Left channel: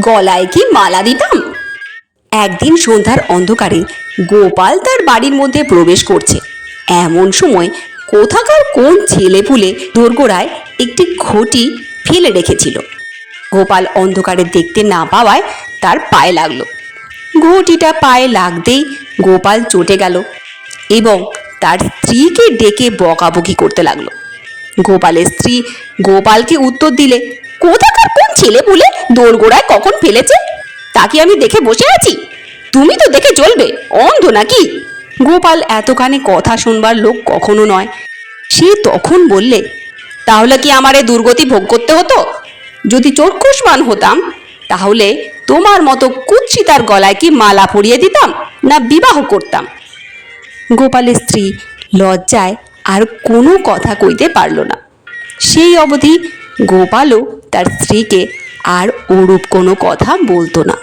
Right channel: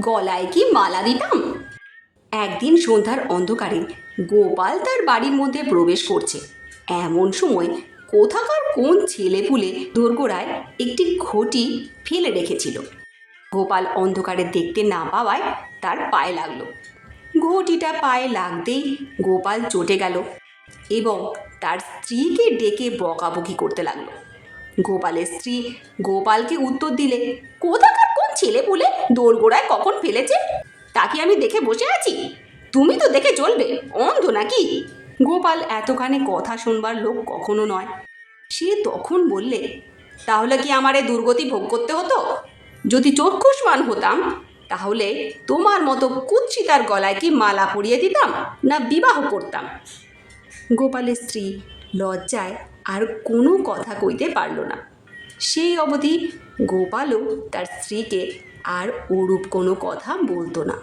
গলায় কি মালা দিতাম। একদিন সন্ধ্যার অন্ধকারে গোপাল তার বাড়ির মধ্যে প্রবেশ করছে। এমন সময় কোথাকার কোন ছেলেপুলে দোরগোড়ায় একটি ঘটি ফেলে রেখেছিল। গোপাল অন্ধকারে দেখতে না পাওয়ায় তার পায়ে লাগলো। ঘটিটা পায়ে লাগতেই গোপাল চটে গেল এবং তার স্ত্রীকে ডেকে বকাবকি করতে লাগলো। গোপালের স্ত্রী গোপালকে উত্তর দিলে, কোথাকার কোন ছেলেপুলে দোরগোড়ায় কখন ফেলেছে তা কি আমি দেখে বসে আছি? তুমি তো দেখে চলবে, অন্ধ নাকি? গোপাল এতখানি কথা শুনবার লোক কখনো নয়। সে তখন বললে, তাহলে কি আমার এই দুর্গতি ভোগ করতে হতো? যদি চক্ষুষ্মান হতাম তাহলে তোমার মতো কুৎসিতার গলায় কি মালা পরিয়ে দিতাম না বিবাহ করতাম? গোপালের স্ত্রী লজ্জায় আর কোনো কথা কইতে পারল না। সেই অবধি গোপালও তার স্ত্রীকে আর ওরূপ কোনো কথা বলতো না।